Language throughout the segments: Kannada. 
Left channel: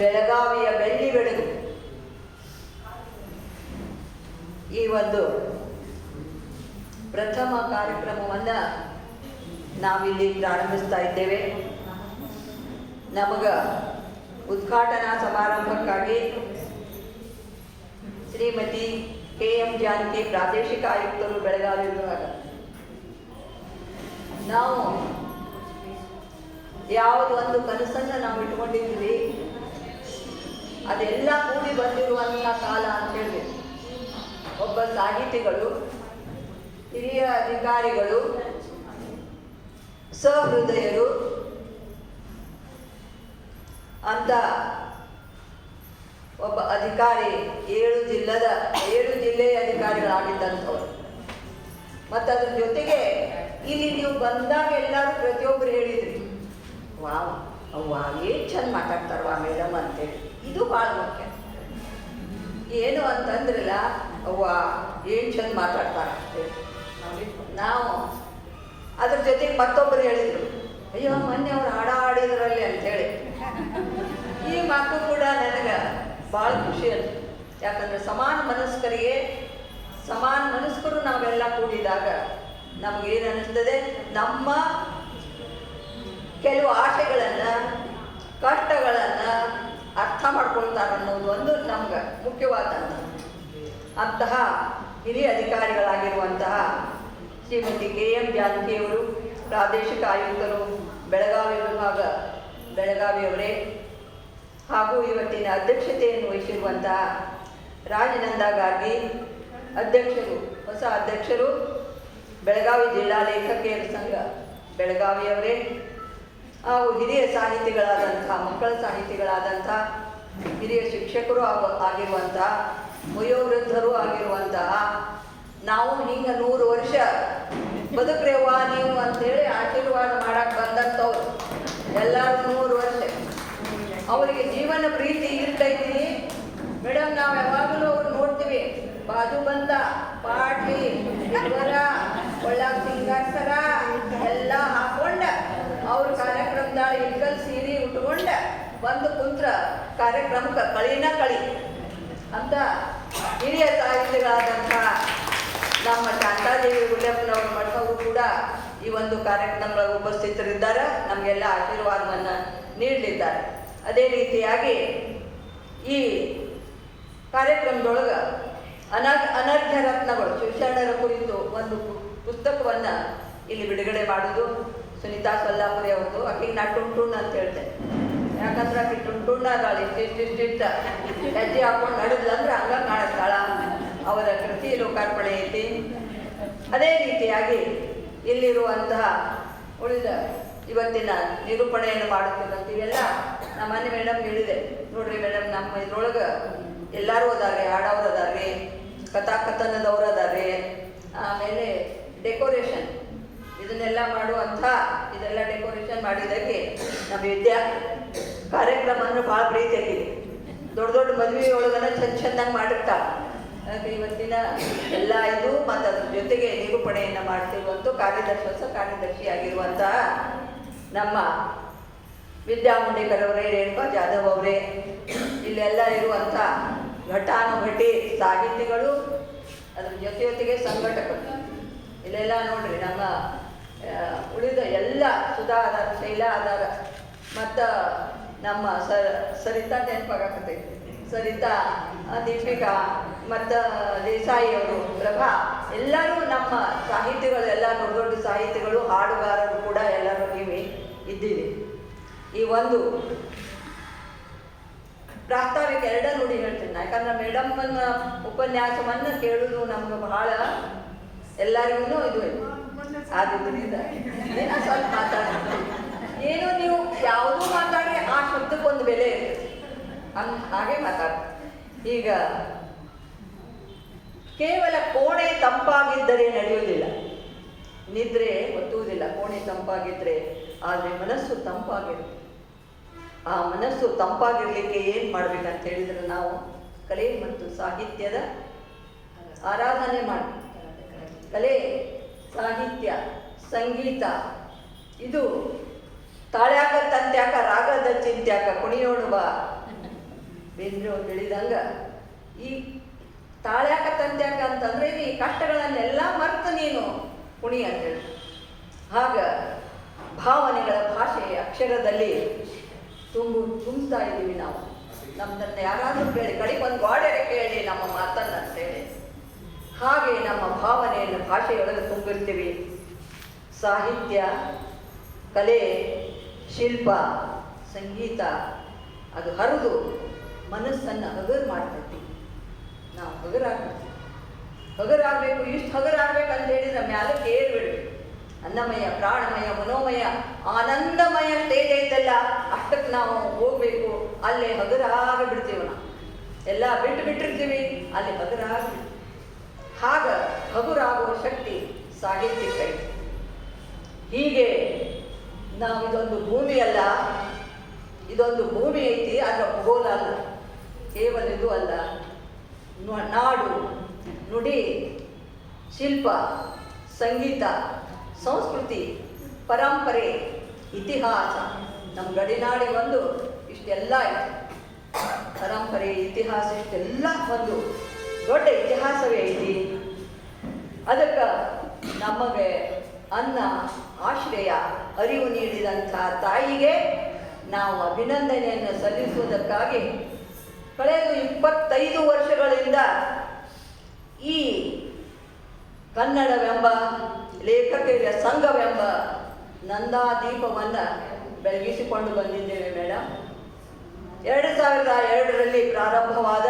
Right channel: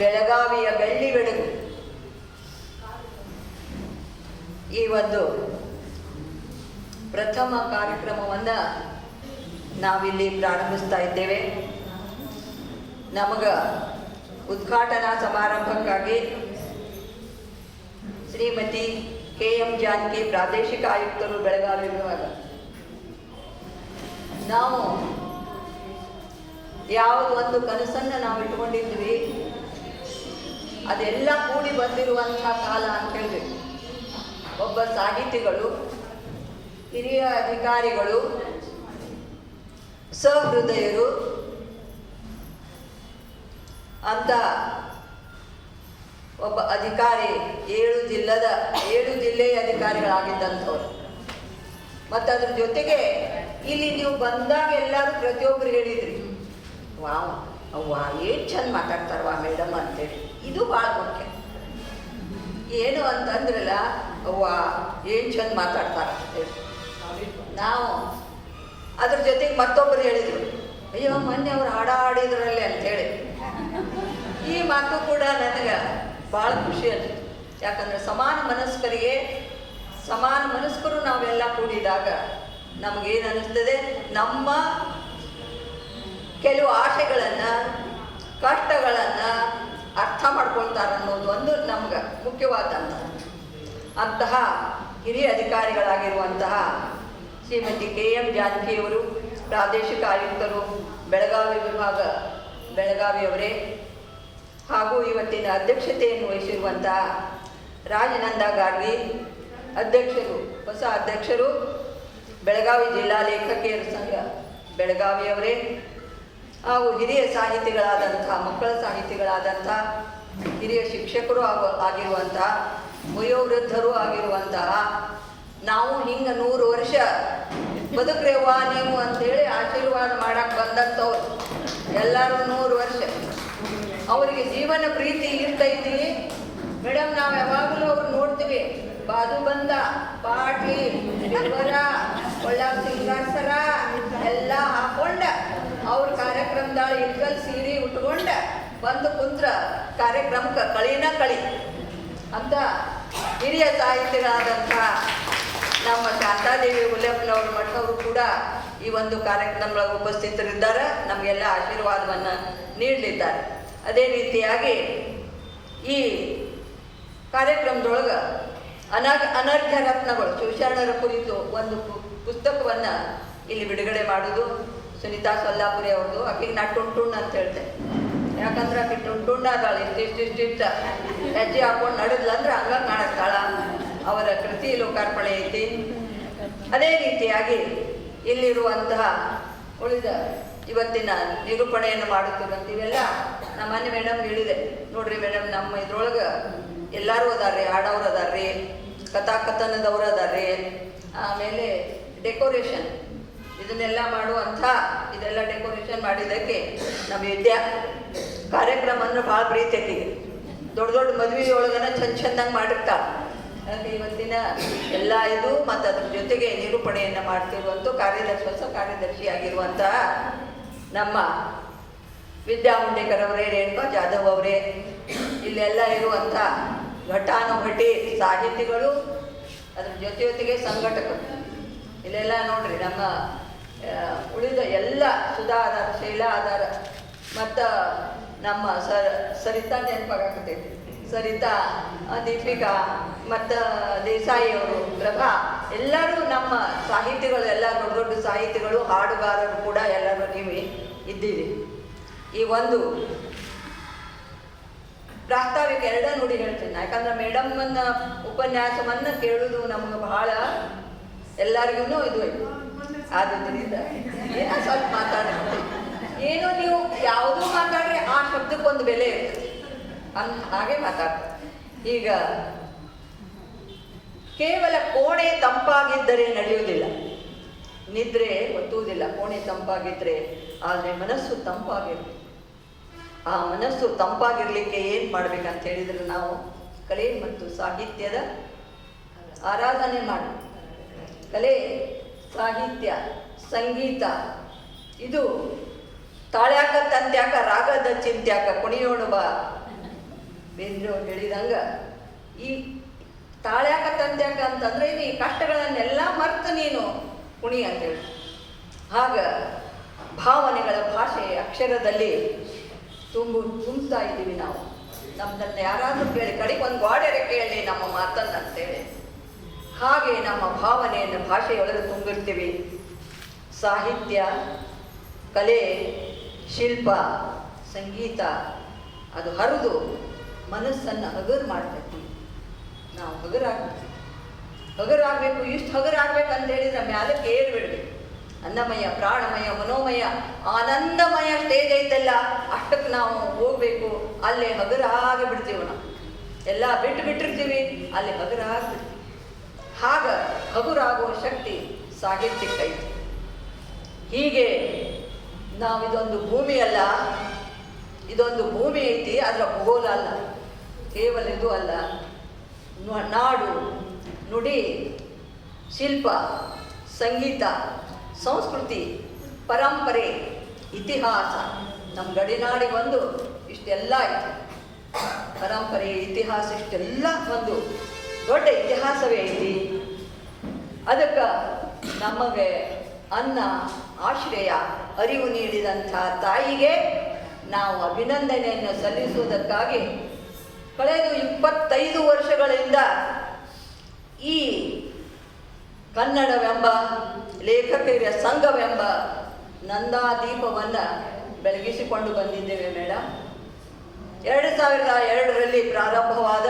ಬೆಳಗಾವಿಯ ಬೆಳ್ಳಿ ಬೆಳಗು ಈ ಒಂದು ಪ್ರಥಮ ಕಾರ್ಯಕ್ರಮವನ್ನು ನಾವಿಲ್ಲಿ ಪ್ರಾರಂಭಿಸ್ತಾ ಇದ್ದೇವೆ. ನಮಗೆ ಉದ್ಘಾಟನಾ ಸಮಾರಂಭಕ್ಕಾಗಿ ಶ್ರೀಮತಿ KM ಜಾನಕಿ ಪ್ರಾದೇಶಿಕ ಆಯುಕ್ತರು ಬೆಳಗಾವಿ ವಿಭಾಗ, ನಾವು ಯಾವುದೊಂದು ಕನಸನ್ನು ನಾವು ಇಟ್ಕೊಂಡಿದ್ವಿ ಅದೆಲ್ಲ ಕೂಡಿ ಬಂದಿರುವಂತಹ ಕಾಲ ಅಂತ ಹೇಳಬೇಕು. ಒಬ್ಬ ಸಾಹಿತಿಗಳು, ಹಿರಿಯ ಅಧಿಕಾರಿಗಳು, ಸಹೃದಯರು ಅಂತ ಒಬ್ಬ ಅಧಿಕಾರಿ 7 ಜಿಲ್ಲೆಯ ಅಧಿಕಾರಿಗಳಾಗಿದ್ದಂಥವ್ರು. ಮತ್ತು ಅದ್ರ ಜೊತೆಗೆ ಇಲ್ಲಿ ನೀವು ಬಂದಾಗ ಎಲ್ಲರೂ ಪ್ರತಿಯೊಬ್ಬರು ಹೇಳಿದ್ರಿ, ವಾವ್ ಅವ್ವ ಏನು ಚಂದ ಮಾತಾಡ್ತಾರವ ಮೇಡಮ್ ಅಂತೇಳಿ. ಇದು ಭಾಳ ಮುಖ್ಯ. ಏನು ಅಂತಂದ್ರಲ್ಲ, ಅವ್ವ ಏನು ಚಂದ ಮಾತಾಡ್ತಾರ ಅಂತೇಳಿ. ನಾವು ಅದ್ರ ಜೊತೆಗೆ ಮತ್ತೊಬ್ಬರು ಹೇಳಿದರು, ಅಯ್ಯೋ ಮೊನ್ನೆ ಅವ್ರು ಹಾಡ ಆಡಿದ್ರಲ್ಲಿ ಅಂತೇಳಿ. ಈ ಮಾತು ಕೂಡ ನನಗೆ ಭಾಳ ಖುಷಿ ಅನಿಸ್ತು. ಯಾಕಂದರೆ ಸಮಾನ ಮನಸ್ಕರು ನಾವೆಲ್ಲ ಕೂಡಿದಾಗ ನಮಗೇನು ಅನ್ನಿಸ್ತದೆ, ನಮ್ಮ ಕೆಲವು ಆಶೆಗಳನ್ನು, ಕಷ್ಟಗಳನ್ನು ಅರ್ಥ ಮಾಡ್ಕೊಳ್ತಾರೆ ಅನ್ನೋದು ಒಂದು ನಮ್ಗೆ ಮುಖ್ಯವಾದಂತಹ ಹಿರಿಯ ಅಧಿಕಾರಿಗಳಾಗಿರುವಂತಹ ಶ್ರೀಮತಿ KM ಜಾನಕಿಯವರು, ಪ್ರಾದೇಶಿಕ ಆಯುಕ್ತರು ಬೆಳಗಾವಿ ವಿಭಾಗ ಬೆಳಗಾವಿಯವರೇ, ಹಾಗೂ ಇವತ್ತಿನ ಅಧ್ಯಕ್ಷತೆಯನ್ನು ವಹಿಸಿರುವಂತಹ ರಾಜನಂದ ಗಾರ್ಗಿ ಹೊಸ ಅಧ್ಯಕ್ಷರು ಬೆಳಗಾವಿ ಜಿಲ್ಲಾ ಲೇಖಕಿಯರ ಸಂಘ ಬೆಳಗಾವಿಯವರೇ, ಹಾಗೂ ಹಿರಿಯ ಸಾಹಿತಿಗಳಾದಂತಹ, ಮಕ್ಕಳ ಸಾಹಿತಿಗಳಾದಂತಹ, ಹಿರಿಯ ಶಿಕ್ಷಕರು ಆಗಿರುವಂತಹ, ವಯೋವೃದ್ಧರು ಆಗಿರುವಂತಹ, ನಾವು ಹಿಂಗೆ 100 ವರ್ಷ ಬದುಕ್ರೇವ್ವ ನೀವು ಅಂತೇಳಿ ಆಶೀರ್ವಾದ ಮಾಡಕ್ಕೆ ಬಂದಂಥವ್ರು ಎಲ್ಲರೂ 100 ವರ್ಷ ಅವರಿಗೆ ಜೀವನ ಪ್ರೀತಿ ಇರ್ತೈತಿ ಮೇಡಮ್. ನಾವು ಯಾವಾಗಲೂ ಅವ್ರು ನೋಡ್ತೀವಿ, ಬಾಜು ಬಂದ ಪಾಟ್ಲಿ ಇವರ ಒಳ್ಳೆ ಸಿಂಗಾಸರ ಎಲ್ಲ ಹಾಕೊಂಡ ಅವ್ರ ಕಾರ್ಯಕ್ರಮದಾಗ ಇಟ್ಕಲ್ ಸೀರೆ ಉಟ್ಕೊಂಡ ಬಂದು ಕುಂತ್ರ ಕಾರ್ಯಕ್ರಮಕ್ಕೆ ಕಳಿ ಅಂತ ಹಿರಿಯ ಸಾಹಿತಿಗಳಾದಂಥ ನಮ್ಮ ಶಾಂತಾದೇವಿ ಹುಲ್ಲೆಪ್ಪನವ್ರ ಮಠವರು ಕೂಡ ಈ ಒಂದು ಕಾರ್ಯಕ್ರಮಗಳ ಉಪಸ್ಥಿತರಿದ್ದಾರೆ, ನಮಗೆಲ್ಲ ಆಶೀರ್ವಾದವನ್ನು ನೀಡಲಿದ್ದಾರೆ. ಅದೇ ರೀತಿಯಾಗಿ ಈ ಕಾರ್ಯಕ್ರಮದೊಳಗೆ ಅನರ್ಘ್ಯ ರತ್ನಗಳು ಶಿವಶರಣರ ಕುರಿತು ಒಂದು ಪುಸ್ತಕವನ್ನು ಇಲ್ಲಿ ಬಿಡುಗಡೆ ಮಾಡೋದು ಸುನೀತಾ ಸೊಲ್ಲಾಪುರಿ ಅವ್ರದ್ದು. ಆಕೆಗೆ ನಾ ಟುಂಟುಣ್ಣ ಅಂತ ಹೇಳ್ತೇನೆ, ಯಾಕಂದ್ರೆ ಆಕೆ ಟುಂಟುಣ್ಣ ಅದಾಳ, ಇಷ್ಟಿಷ್ಟ ಹೆಜ್ಜೆ ಹಾಕೊಂಡು ನಡೆದ್ಲಂದ್ರೆ ಹಂಗ ಕಾಣಿಸ್ತಾಳ. ಅವರ ಕೃತಿ ಲೋಕಾರ್ಪಣೆ ಐತಿ. ಅದೇ ರೀತಿಯಾಗಿ ಇಲ್ಲಿರುವಂತಹ ಉಳಿದ ಇವತ್ತಿನ ನಿರೂಪಣೆಯನ್ನು ಮಾಡುತ್ತಿದ್ದಂಥ ಇವೆಲ್ಲ ನಮ್ಮ ಮನೆ ಮೇಡಮ್ ಹೇಳಿದೆ, ನೋಡ್ರಿ ಮೇಡಮ್ ನಮ್ಮ ಇದ್ರೊಳಗೆ ಎಲ್ಲರೂ ಅದಾರೆ, ಹಾಡವ್ರು ಅದಾರ್ರಿ, ಕಥಾಕಥನದವ್ರು ಅದಾರ್ರಿ, ಆಮೇಲೆ ಡೆಕೋರೇಷನ್ ಇದನ್ನೆಲ್ಲ ಇದೆಲ್ಲ ಡೆಕೋರೇಷನ್ ಮಾಡಿದ್ದಕ್ಕೆ ನಮ್ಮ ವಿದ್ಯಾ ಕಾರ್ಯಕ್ರಮವನ್ನು ಭಾಳ ಪ್ರೀತಿ ಆಕಿಗೆ. ದೊಡ್ಡ ಮದುವೆಯೊಳಗನ ಚೆಂದಂಗೆ ಮಾಡಿರ್ತಾಳೆ. ಯಾಕೆ ಇವತ್ತಿನ ಎಲ್ಲ ಇದು ಮತ್ತು ಅದ್ರ ಜೊತೆಗೆ ನಿರೂಪಣೆಯನ್ನು ಮಾಡ್ತಿರುವಂಥ ಹೊಸ ಕಾರ್ಯದರ್ಶಿಯಾಗಿರುವಂತಹ ನಮ್ಮ ವಿದ್ಯಾ ಮುಂಡೇಕರ್ ಅವರೇ, ರೇಣುಕಾ ಜಾಧವ್ ಅವರೇ, ಇಲ್ಲೆಲ್ಲ ಇರುವಂಥ ಘಟಾನುಘಟಿ ಸಾಹಿತಿಗಳು, ಅದ್ರ ಜೊತೆಗೆ ಸಂಘಟಕರು, ಇಲ್ಲೆಲ್ಲ ನೋಡ್ರಿ ನಮ್ಮ ಉಳಿದ ಎಲ್ಲ ಸುಧಾ ಆಧಾರ, ಶೈಲಾ ಆಧಾರ, ಮತ್ತು ನಮ್ಮ ಸರಿತಾ ನೆನಪಾಗತೈತಿ, ಸರಿತಾ, ದೀಪಿಕಾ ಮತ್ತು ದೇಸಾಯಿ ಅವರು, ಪ್ರಭಾ, ಎಲ್ಲರೂ ನಮ್ಮ ಸಾಹಿತಿಗಳು, ಎಲ್ಲ ದೊಡ್ಡ ಸಾಹಿತಿಗಳು, ಹಾಡುಗಾರರು ಕೂಡ ಎಲ್ಲರೂ ನೀವು ಇದ್ದೀವಿ. ಈ ಒಂದು ಪ್ರಾಸ್ತಾವಿಕ 2 ನುಡಿ ಹೇಳ್ತೀನಿ, ಯಾಕಂದ್ರೆ ಮೇಡಮ್ಮನ್ನ ಉಪನ್ಯಾಸವನ್ನು ಕೇಳೋದು ನಮ್ಗೆ ಬಹಳ ಎಲ್ಲರಿಗೂ ಇದು ಆದ್ದರಿಂದ ಏನೋ ಸ್ವಲ್ಪ ಮಾತಾಡ್ತೀವಿ. ಏನು ನೀವು ಯಾವುದೂ ಮಾತಾಡ್ರೆ ಆ ಶಬ್ದಕ್ಕೊಂದು ಬೆಲೆ ಇರ್ತದೆ, ಹಾಗೆ ಮಾತಾಡ್ತೀವಿ. ಈಗ ಕೇವಲ ಕೋಣೆ ತಂಪಾಗಿದ್ದರೆ ನಡೆಯುವುದಿಲ್ಲ, ನಿದ್ರೆ ಒತ್ತುವುದಿಲ್ಲ. ಕೋಣೆ ತಂಪಾಗಿದ್ದರೆ, ಆದರೆ ಮನಸ್ಸು ತಂಪಾಗಿರುತ್ತೆ. ಆ ಮನಸ್ಸು ತಂಪಾಗಿರ್ಲಿಕ್ಕೆ ಏನು ಮಾಡ್ಬೇಕಂತ ಹೇಳಿದ್ರೆ ನಾವು ಕಲೆ ಮತ್ತು ಸಾಹಿತ್ಯದ ಆರಾಧನೆ ಮಾಡಿ, ಕಲೆ, ಸಾಹಿತ್ಯ, ಸಂಗೀತ ಇದು ತಾಳ್ಯಾಕ ತಂತ್ಯಾಕ ರಾಗದ ಚಿಂತ್ಯಾಕ ಕುಣಿಯೋಣ ಬಾ ಬೇಂದ್ರೆ ಅವ್ರು ಹೇಳಿದಂಗ ಈ ತಾಳ್ಯಾಕ ತಂತ್ಯಾಕ ಅಂತಂದ್ರೆ ಈ ಕಷ್ಟಗಳನ್ನೆಲ್ಲ ಮರೆತು ನೀನು ಕುಣಿ ಅಂತೇಳಿ. ಆಗ ಭಾವನೆಗಳ ಭಾಷೆ ಅಕ್ಷರದಲ್ಲಿ ತುಂಬ್ತಾ ಇದ್ದೀವಿ ನಾವು. ನಮ್ಮದನ್ನು ಯಾರಾದರೂ ಕೇಳಿ ಕಡೆಗೆ ಒಂದು ಗೋಡೆರೆ ಕೇಳಿ ನಮ್ಮ ಮಾತನ್ನು ಅಂತೇಳಿ ಹಾಗೆ ನಮ್ಮ ಭಾವನೆಯನ್ನು ಭಾಷೆಯೊಳಗೆ ತುಂಬಿರ್ತೀವಿ. ಸಾಹಿತ್ಯ, ಕಲೆ, ಶಿಲ್ಪ, ಸಂಗೀತ ಅದು ಹರಿದು ಮನಸ್ಸನ್ನು ಹಗರು ಮಾಡ್ತೈತಿ. ನಾವು ಹಗರಾಗಬೇಕು. ಇಷ್ಟು ಹಗರಾಗಬೇಕಂತ ಹೇಳಿದ್ರೆ ಮ್ಯಾಲಕ್ಕೆ ಏರ್ಬಿಡ್ಬೇಕು. ಅನ್ನಮಯ, ಪ್ರಾಣಮಯ, ಮನೋಮಯ, ಆನಂದಮಯ ಸ್ಟೇಜ್ ಐತೆಲ್ಲ ಅಷ್ಟಕ್ಕೆ ನಾವು ಹೋಗ್ಬೇಕು. ಅಲ್ಲೇ ಹಗರಾಗಿ ಬಿಡ್ತೀವಿ. ನಾವು ಎಲ್ಲ ಬಿಟ್ಟಿರ್ತೀವಿ, ಅಲ್ಲಿ ಹಗರಾಗಿ. ಆಗ ಹಗುರಾಗುವ ಶಕ್ತಿ ಸಾಹಿತ್ಯಕ್ಕೈತಿ. ಹೀಗೆ ನಾವಿದೊಂದು ಭೂಮಿ ಅಲ್ಲ, ಇದೊಂದು ಭೂಮಿ ಐತಿ, ಅದರ ಭೂಗೋಳ ಅಲ್ಲ, ಕೇವಲ ಇದು ಅಲ್ಲ. ನಾಡು, ನುಡಿ, ಶಿಲ್ಪ, ಸಂಗೀತ, ಸಂಸ್ಕೃತಿ, ಪರಂಪರೆ, ಇತಿಹಾಸ. ನಮ್ಮ ಗಡಿನಾಡಿಗೊಂದು ಇಷ್ಟೆಲ್ಲ ಐತಿ. ಪರಂಪರೆ, ಇತಿಹಾಸ ಇಷ್ಟೆಲ್ಲ ಒಂದು ದೊಡ್ಡ ಇತಿಹಾಸವೇ ಐತಿ. ಅದಕ್ಕೆ ನಮಗೆ ಅನ್ನ, ಆಶ್ರಯ, ಅರಿವು ನೀಡಿದಂಥ ತಾಯಿಗೆ ನಾವು ಅಭಿನಂದನೆಯನ್ನು ಸಲ್ಲಿಸುವುದಕ್ಕಾಗಿ ಕಳೆದ 25 ವರ್ಷಗಳಿಂದ ಈ ಕನ್ನಡವೆಂಬ ಲೇಖಕರ ಸಂಘವೆಂಬ ನಂದಾದೀಪವನ್ನು ಬೆಳಗಿಸಿಕೊಂಡು ಬಂದಿದ್ದೇವೆ ಮೇಡಮ್. 2002ರಲ್ಲಿ ಪ್ರಾರಂಭವಾದ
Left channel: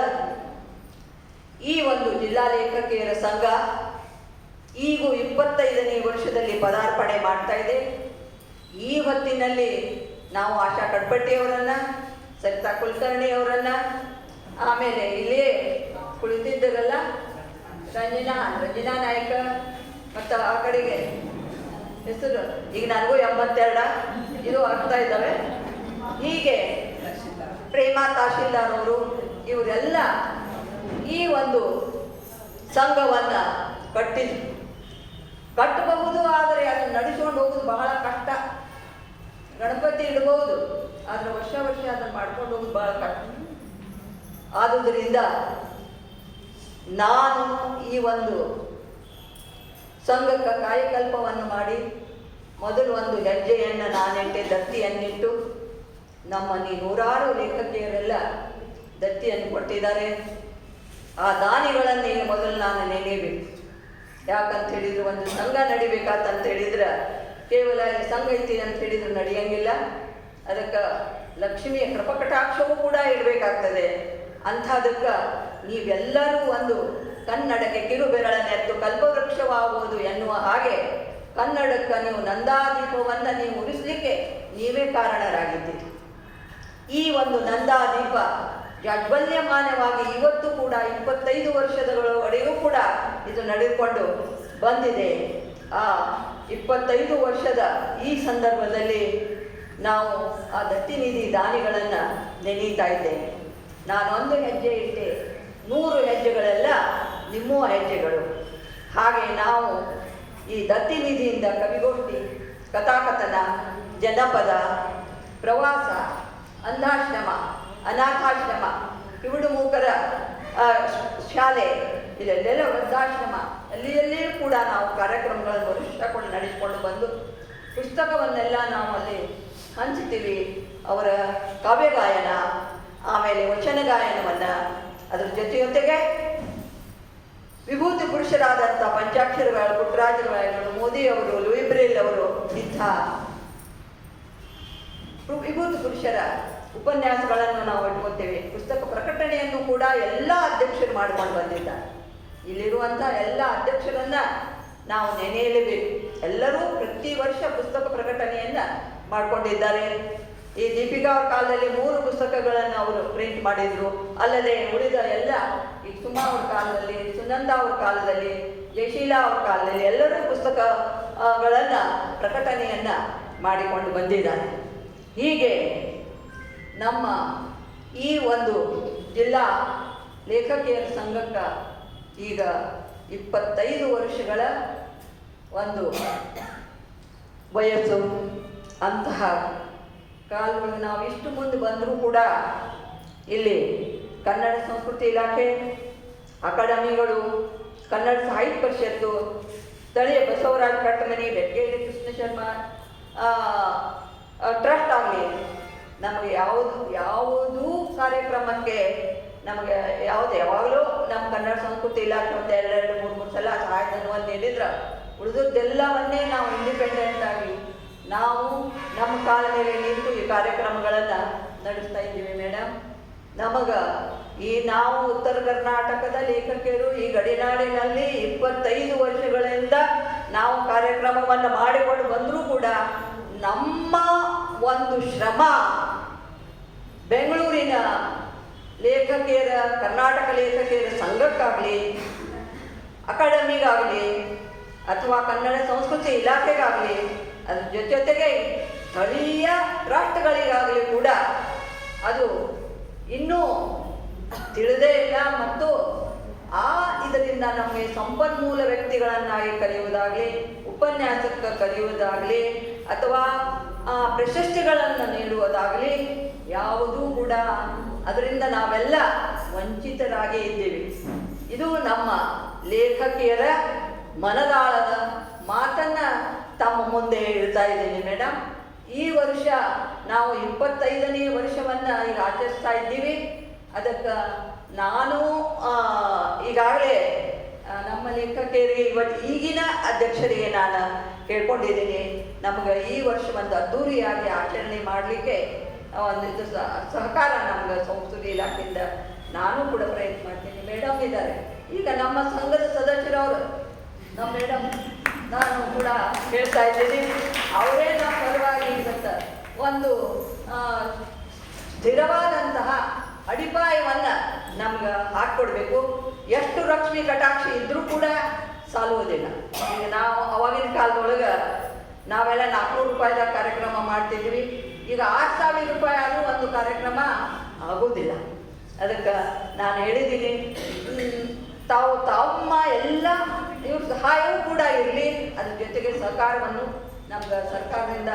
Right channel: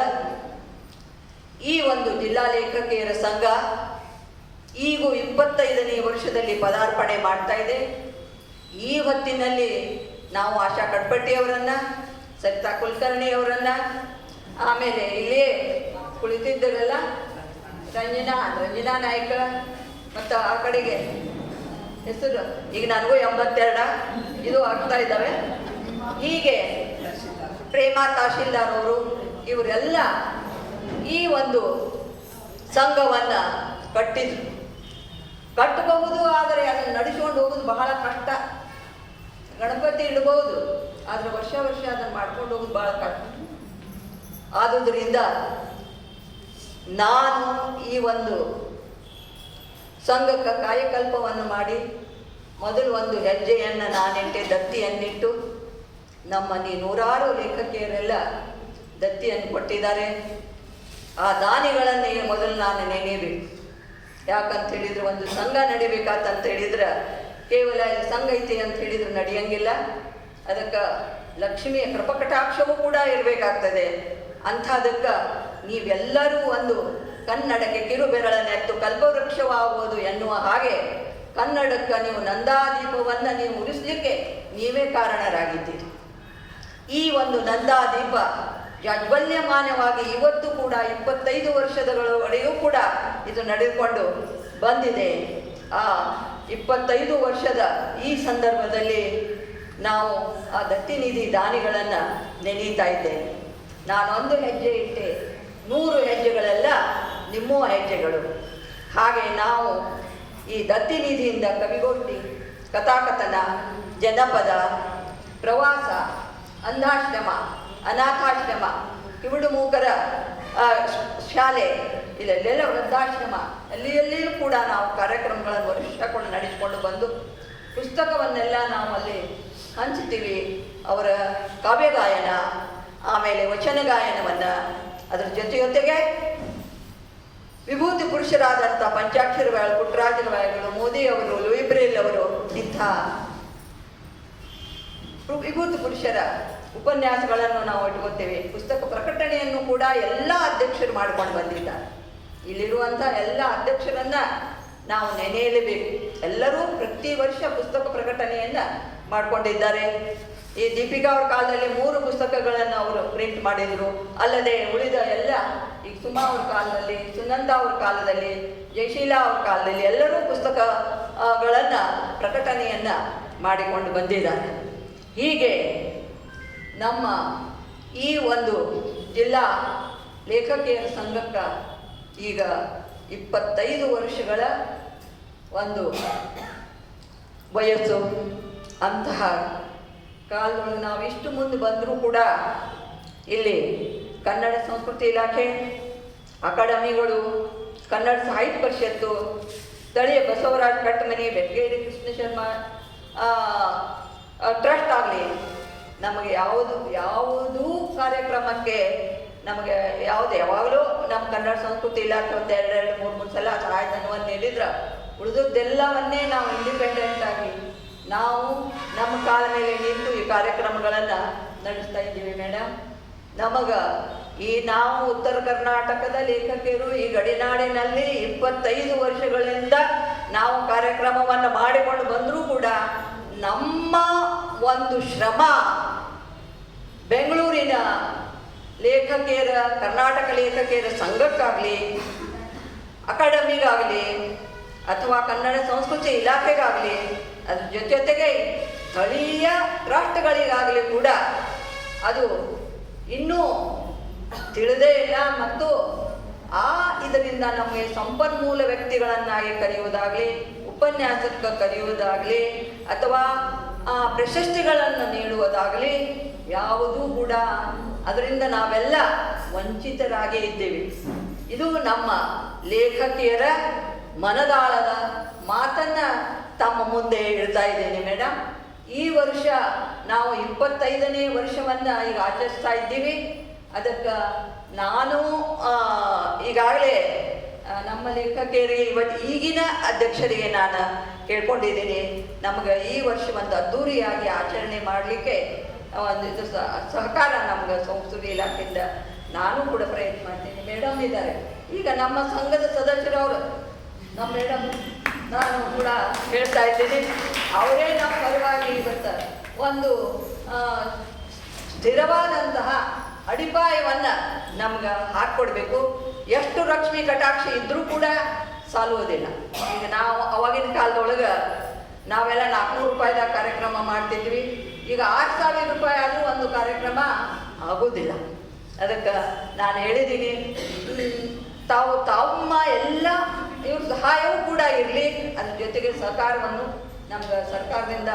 ಈ ಒಂದು ಜಿಲ್ಲಾ ಲೇಖಕಿಯರ ಸಂಘ ಈಗ 25ನೇ ವರ್ಷದಲ್ಲಿ ಪದಾರ್ಪಣೆ ಮಾಡ್ತಾ ಇದೆ. ಈ ಹೊತ್ತಿನಲ್ಲಿ ನಾವು ಆಶಾ ಕಡ್ಪಟ್ಟಿಯವರನ್ನ, ಸರಿತಾ ಕುಲಕರ್ಣಿಯವರನ್ನ, ಆಮೇಲೆ ಇಲ್ಲೇ ಕುಳಿತಿದ್ದರಲ್ಲ ರಂಜನಾ ನಾಯಕ, ಮತ್ತು ಆ ಕಡೆಗೆ ಹೆಸರು ಈಗ ನನಗೂ 82 ಇದು ಆಗ್ತಾ ಇದ್ದಾವೆ. ಹೀಗೆ ಪ್ರೇಮಾ ತಹಶೀಲ್ದಾರ್ ಅವರು ಇವರೆಲ್ಲ ಈ ಒಂದು ಸಂಘವನ್ನು ಕಟ್ಟಬಹುದು. ಆದರೆ ಅದನ್ನು ನಡೆಸ್ಕೊಂಡು ಹೋಗೋದು ಬಹಳ ಕಷ್ಟ. ಗಣಪತಿ ಇಡಬಹುದು, ಆದರೆ ವರ್ಷ ಅದನ್ನು ಮಾಡ್ಕೊಂಡು ಹೋಗೋದು ಬಹಳ ಕಷ್ಟ. ಆದುದರಿಂದ ನಾನು ಈ ಒಂದು ಸಂಘಕ್ಕೆ ಕಾಯಕಲ್ಪವನ್ನು ಮಾಡಿ ಮೊದಲು ಒಂದು ಹೆಜ್ಜೆಯನ್ನು ನಾನಿಟ್ಟೆ, ದತ್ತಿಯನ್ನಿಟ್ಟು. ನಮ್ಮಲ್ಲಿ 100 ಲೇಖಕಿಯರೆಲ್ಲ ದತ್ತಿಯನ್ನು ಕೊಟ್ಟಿದ್ದಾರೆ. ಆ ದಾನಿಗಳನ್ನೇ ಮೊದಲು ನಾನು ನೆನೆಯಬೇಕು. ಯಾಕಂತ ಹೇಳಿದ್ರೆ ಒಂದು ಸಂಘ ನಡಿಬೇಕಂತ ಹೇಳಿದ್ರೆ ಕೇವಲ ಸಂಘ ಐತಿ ಅಂತ ಹೇಳಿದ್ರೆ ನಡೆಯಂಗಿಲ್ಲ. ಅದಕ್ಕೆ ಲಕ್ಷ್ಮಿಯ ಕೃಪಕಟಾಕ್ಷವೂ ಕೂಡ ಇರಬೇಕಾಗ್ತದೆ. ಅಂಥದಕ್ಕೆ ನೀವೆಲ್ಲರೂ ಒಂದು ಕನ್ನಡಕ್ಕೆ ಕಿರುಬೆರಳನ್ನೆತ್ತು ಕಲ್ಪವೃಕ್ಷವಾಗುವುದು ಎನ್ನುವ ಹಾಗೆ ಕನ್ನಡಕ್ಕೆ ನೀವು ನಂದಾದೀಪವನ್ನು ನೀವು ಉರಿಸಲಿಕ್ಕೆ ನೀವೇ ಕಾರಣರಾಗಿದ್ದೀರಿ. ಈ ಒಂದು ನಂದಾದೀಪ ಜಾಜ್ವಲ್ಯಮಾನವಾಗಿ ಇವತ್ತು ಕೂಡ 25 ವರ್ಷದವರೆಗೂ ಕೂಡ ಇದು ನಡೆದುಕೊಂಡು ಬಂದಿದೆ. ಆ 25 ವರ್ಷದ ಈ ಸಂದರ್ಭದಲ್ಲಿ ನಾವು ಆ ದತ್ತಿನಿಧಿ ದಾನಿಗಳನ್ನು ನೆನೀತಾ ಇದ್ದೇವೆ. ನಾನೊಂದು ಹೆಜ್ಜೆ ಇಟ್ಟೆ, 100 ಹೆಜ್ಜೆಗಳೆಲ್ಲ ನಿಮ್ಮ ಹೆಜ್ಜೆಗಳು. ಹಾಗೆ ನಾವು ಈ ದತ್ತಿನಿಧಿಯಿಂದ ಕವಿಗೋಷ್ಠಿ, ಕಥಾಕಥನ, ಜನಪದ, ಪ್ರವಾಸ, ಅಂಧಾಶ್ರಮ, ಅನಾಥಾಶ್ರಮ, ಕಿವುಡು ಮೂಕರ ಶಾಲೆ, ಇಲ್ಲೆಲ್ಲ ವೃದ್ಧಾಶ್ರಮ, ಅಲ್ಲಿಯಲ್ಲಿಯೂ ಕೂಡ ನಾವು ಕಾರ್ಯಕ್ರಮಗಳನ್ನು ವರ್ಷಕೊಂಡು ನಡೆಸಿಕೊಂಡು ಬಂದು ಪುಸ್ತಕವನ್ನೆಲ್ಲ ನಾವು ಅಲ್ಲಿ ಹಂಚ್ತೀವಿ. ಅವರ ಕಾವ್ಯಗಾಯನ, ಆಮೇಲೆ ವಚನ ಗಾಯನವನ್ನು, ಅದರ ಜೊತೆಗೆ ವಿಭೂತಿ ಪುರುಷರಾದಂಥ ಪಂಚಾಕ್ಷರಗಳು, ಪುಟ್ಟರಾಜರು, ಮೋದಿಯವರು, ಲೂಯಿ ಬ್ರೇಲ್ ಅವರು ಇಂಥ ವಿಭೂತಿ ಪುರುಷರ ಉಪನ್ಯಾಸಗಳನ್ನು ನಾವು ಇಟ್ಕೊತೇವೆ. ಪುಸ್ತಕ ಪ್ರಕಟಣೆಯನ್ನು ಕೂಡ ಎಲ್ಲ ಅಧ್ಯಕ್ಷರು ಮಾಡ್ಕೊಂಡು ಬಂದಿದ್ದಾರೆ. ಇಲ್ಲಿರುವಂಥ ಎಲ್ಲ ಅಧ್ಯಕ್ಷರನ್ನ ನಾವು ನೆನೆಯಲೇಬೇಕು. ಎಲ್ಲರೂ ಪ್ರತಿ ವರ್ಷ ಪುಸ್ತಕ ಪ್ರಕಟಣೆಯನ್ನು ಮಾಡಿಕೊಂಡಿದ್ದಾರೆ. ಈ ದೀಪಿಕಾ ಅವ್ರ ಕಾಲದಲ್ಲಿ 3 ಪುಸ್ತಕಗಳನ್ನು ಅವರು ಪ್ರಿಂಟ್ ಮಾಡಿದರು. ಅಲ್ಲದೆ ಉಳಿದ ಎಲ್ಲ ಈಗ ಸುಮಾ ಅವ್ರ ಕಾಲದಲ್ಲಿ, ಸುನಂದ ಅವ್ರ ಕಾಲದಲ್ಲಿ, ಜಯಶೀಲಾ ಅವ್ರ ಕಾಲದಲ್ಲಿ ಎಲ್ಲರೂ ಪುಸ್ತಕಗಳನ್ನು ಪ್ರಕಟಣೆಯನ್ನು ಮಾಡಿಕೊಂಡು ಬಂದಿದ್ದಾರೆ. ಹೀಗೆ ನಮ್ಮ ಈ ಒಂದು ಜಿಲ್ಲಾ ಲೇಖಕಿಯರ ಸಂಘಕ್ಕೆ ಈಗ 25 ವರ್ಷಗಳ ಒಂದು ವಯಸ್ಸು. ಅಂತಹ ಕಾಲದಲ್ಲಿ ನಾವು ಇಷ್ಟು ಮುಂದೆ ಬಂದರೂ ಕೂಡ ಇಲ್ಲಿ ಕನ್ನಡ ಸಂಸ್ಕೃತಿ ಇಲಾಖೆ, ಅಕಾಡೆಮಿಗಳು, ಕನ್ನಡ ಸಾಹಿತ್ಯ ಪರಿಷತ್ತು, ಸ್ಥಳೀಯ ಬಸವರಾಜ ಕಟ್ಟಮನಿ, ಬೆಟಗೇರಿ ಕೃಷ್ಣ ಶರ್ಮಾ ಟ್ರಸ್ಟ್ ಆಗಲಿ, ನಮಗೆ ಯಾವುದೂ ಕಾರ್ಯಕ್ರಮಕ್ಕೆ ನಮಗೆ ಯಾವಾಗಲೂ ನಮ್ಮ ಕನ್ನಡ ಸಂಸ್ಕೃತಿ ಇಲಾಖೆ ಒಂದು 2-3 ಸಲ ಸಹಾಯಧನವನ್ನು ನೀಡಿದ್ರೆ ಉಳಿದದ್ದೆಲ್ಲವನ್ನೇ ನಾವು ಇಂಡಿಪೆಂಡೆಂಟ್ ಆಗಿ ನಾವು ನಮ್ಮ ಕಾಲ ಮೇಲೆ ನಿಂತು ಈ ಕಾರ್ಯಕ್ರಮಗಳನ್ನು ನಡೆಸ್ತಾ ಇದ್ದೀವಿ ಮೇಡಮ್. ನಾವು ಉತ್ತರ ಕರ್ನಾಟಕದ ಲೇಖಕಿಯರು ಈ ಗಡಿನಾಡಿನಲ್ಲಿ 25 ವರ್ಷಗಳಿಂದ ನಾವು ಕಾರ್ಯಕ್ರಮವನ್ನು ಮಾಡಿಕೊಂಡು ಬಂದರೂ ಕೂಡ ನಮ್ಮ ಒಂದು ಶ್ರಮ ಬೆಂಗಳೂರಿನ ಲೇಖಕಿಯರ, ಕರ್ನಾಟಕ ಲೇಖಕಿಯರ ಸಂಘಕ್ಕಾಗಲಿ, ಅಕಾಡೆಮಿಗಾಗಲಿ ಅಥವಾ ಕನ್ನಡ ಸಂಸ್ಕೃತಿ ಇಲಾಖೆಗಾಗಲಿ, ಅದ್ರ ಜೊತೆಗೆ ಸ್ಥಳೀಯ ರಾಷ್ಟ್ರಗಳಿಗಾಗಲಿ ಕೂಡ ಅದು ಇನ್ನೂ ತಿಳಿದೇ ಇಲ್ಲ. ಮತ್ತು ಇದರಿಂದ ನಮಗೆ ಸಂಪನ್ಮೂಲ ವ್ಯಕ್ತಿಗಳನ್ನಾಗಿ ಕರೆಯುವುದಾಗಲಿ, ಉಪನ್ಯಾಸಕ ಕರೆಯುವುದಾಗಲಿ ಅಥವಾ ಪ್ರಶಸ್ತಿಗಳನ್ನು ನೀಡುವುದಾಗಲಿ ಯಾವುದೂ ಕೂಡ ಅದರಿಂದ ನಾವೆಲ್ಲ ವಂಚಿತರಾಗೇ ಇದ್ದೇವೆ. ಇದು ನಮ್ಮ ಲೇಖಕಿಯರ ಮನದಾಳದ ಮಾತನ್ನು ತಮ್ಮ ಮುಂದೆ ಹೇಳ್ತಾ ಇದ್ದೇನೆ ಮೇಡಮ್. ಈ ವರ್ಷ ನಾವು 25ನೇ ವರ್ಷವನ್ನು ಈಗ ಆಚರಿಸ್ತಾ ಇದ್ದೀವಿ. ಅದಕ್ಕೆ ನಾನು ಈಗಾಗಲೇ ನಮ್ಮ ಲೇಖಕಿಯರಿಗೆ ಈಗಿನ ಅಧ್ಯಕ್ಷರಿಗೆ ನಾನು ಕೇಳ್ಕೊಂಡಿದ್ದೀನಿ, ನಮಗೆ ಈ ವರ್ಷ ಒಂದು ಅದ್ದೂರಿಯಾಗಿ ಆಚರಣೆ ಮಾಡಲಿಕ್ಕೆ ಒಂದು ಸಹಕಾರ ನಮ್ಗೆ ಸಂಸ್ಕೃತಿ ಇಲಾಖೆಯಿಂದ ನಾನು ಕೂಡ ಪ್ರಯತ್ನ ಮಾಡ್ತೀನಿ. ಮೇಡಮ್ ಇದ್ದಾರೆ ಈಗ ನಮ್ಮ ಸಂಘದ ಸದಸ್ಯರವರು, ನಮ್ಮ ಮೇಡಮ್ ನಾನು ಕೂಡ ಹೇಳ್ತಾ ಇದ್ದೀನಿ, ಅವರೇ ನಮ್ಮ ಪರವಾಗಿ ಇವತ್ತು ಒಂದು ಸ್ಥಿರವಾದಂತಹ ಅಡಿಪಾಯವನ್ನು ನಮ್ಗೆ ಹಾಕ್ಕೊಡ್ಬೇಕು. ಎಷ್ಟು ಲಕ್ಷ್ಮಿ ಕಟಾಕ್ಷ ಇದ್ರೂ ಕೂಡ ಸಾಲುವುದಿಲ್ಲ. ಈಗ ನಾವು ಅವಾಗಿನ ಕಾಲದೊಳಗೆ ನಾವೆಲ್ಲ 400 ರೂಪಾಯಿದ ಕಾರ್ಯಕ್ರಮ ಮಾಡ್ತಿದ್ವಿ. ಈಗ 6000 ರೂಪಾಯಿ ಆದರೂ ಒಂದು ಕಾರ್ಯಕ್ರಮ ಆಗೋದಿಲ್ಲ. ಅದಕ್ಕೆ ನಾನು ಹೇಳಿದ್ದೀನಿ, ತಮ್ಮ ಎಲ್ಲ ಇವ್ರ ಸಹಾಯವೂ ಕೂಡ ಇರಲಿ, ಅದ್ರ ಜೊತೆಗೆ ಸಹಕಾರವನ್ನು ನಮ್ಗೆ ಸರ್ಕಾರದಿಂದ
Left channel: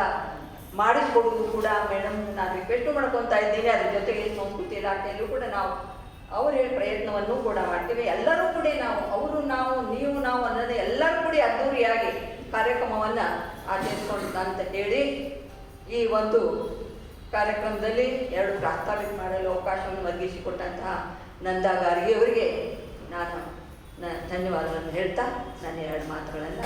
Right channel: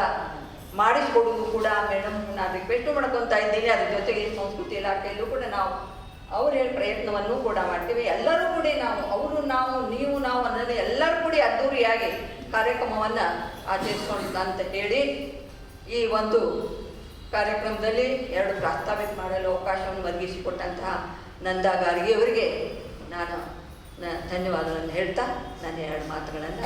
ಮಾಡಿಸ್ಕೊಡೋದು ಕೂಡ ಮೇಡಮ್ ನಾನು ರಿಕ್ವೆಸ್ಟ್ ಮಾಡ್ಕೊತಾ ಇದ್ದೀನಿ. ಅದ್ರ ಜೊತೆಗೆ ಸಂಸ್ಕೃತಿ ಇಲಾಖೆಯಲ್ಲೂ ಕೂಡ ನಾವು ಅವ್ರು ಹೇಳಿ ಪ್ರಯತ್ನವನ್ನು ಕೂಡ ಮಾಡ್ತೀವಿ. ಎಲ್ಲರೂ ಕೂಡ ನಾವು ನೀವು ನಾವು ಅನ್ನೋದೇ ಎಲ್ಲರೂ ಕೂಡ ಅದ್ದೂರಿಯಾಗಿ ಕಾರ್ಯಕ್ರಮವನ್ನು ಆಚರಿಸ್ಕೊಂಡು ಅಂತ ಹೇಳಿ ಈ ಒಂದು ಕಾರ್ಯಕ್ರಮದಲ್ಲಿ 2 ಪ್ರಾಸ್ತಾವಿಕ ಮಾಡಲು ಅವಕಾಶವನ್ನು ಒದಗಿಸಿಕೊಟ್ಟಂತಹ ನಂದಾ ಗಾರ್ಗಿ ಅವರಿಗೆ ನಾನು ಧನ್ಯವಾದಗಳನ್ನು ಹೇಳ್ತಾ ನನ್ನ 2 ಮಾತುಗಳನ್ನು